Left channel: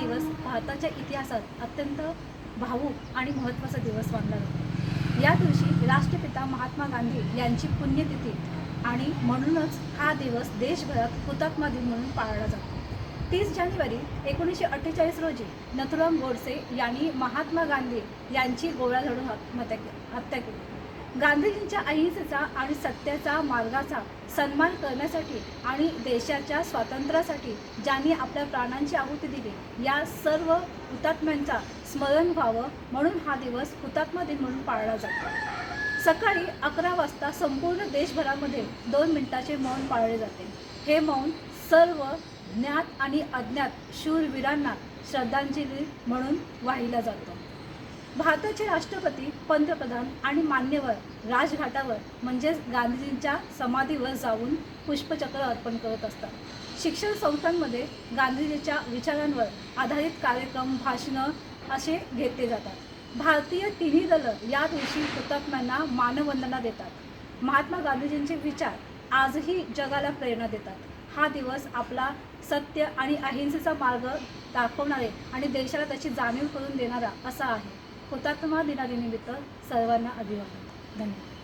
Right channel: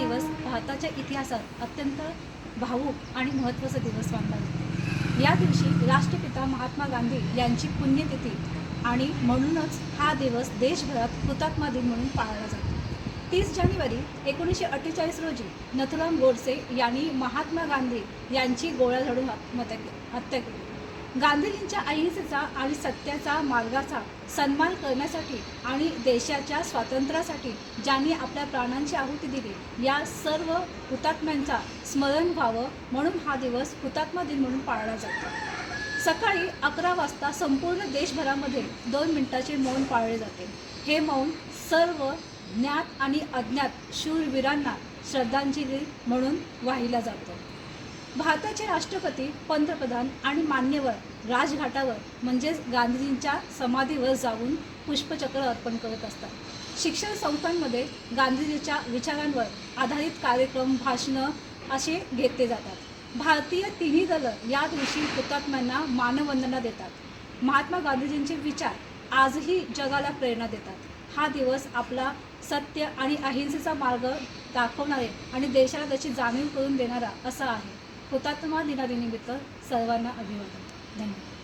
दिवस भारताच्या इतिहासात अत्यंत भावूक आणि महत्त्वाचा दिवस मानला जातो। या दिवशी राष्ट्रपिता महात्मा गांधी यांची पुण्यतिथी आणि म्हणूनच हा दिवस देशभरात हुतात्मा दिन म्हणून पाळला जातो। 30 जानेवारी 1948 रोजी नथुराम गोडसे यांनी महात्मा गांधी यांची गोळ्या झाडून हत्या केली। गांधीजींच्या अहिंसेचा आणि सत्याचा मार्गाचा सन्मान करण्यासाठी आणि देशाच्या स्वातंत्र्यासाठी ज्यांनी आपल्या प्राणांची आहुती दिली, या सर्व हुतात्म्यांचा स्मरण व्हावं म्हणून हा दिवस हुतात्मा दिन म्हणून पाळला जातो। सकाळी 11 वाजता संपूर्ण देशभरामध्ये 2 मिनिटाचे मौन पाळले जाते। हे मौन सर्व ज्ञात आणि अज्ञात शूरवीरांना श्रद्धांजली म्हणून वाहिला जातो। भारताचे राष्ट्रपती, पंतप्रधान आणि मान्यवर राजघाटावर म्हणजेच गांधीजींच्या समाधीवर जाऊन पुष्पचक्र अर्पण करत असतात। शिक्षण संस्थांमध्ये गांधीजींच्या विचारांवर आधारित कार्यक्रम, भाषणं असे घेतले जातात। भारतीय तिन्ही दलं या दिवशी हुतात्म्यांना मानवंदना देतात। महात्मा गांधीजींचे विचार आजही जगाला प्रेरणा देतात। हा दिवस आपला सत्य आणि अहिंसेचा मार्ग दाखवणारे आणि देशाला त्याची जाणीव करून देणारा असा आहे। हुतात्मा दिनानिमित्त सर्वांना अभिवादन। धन्यवाद।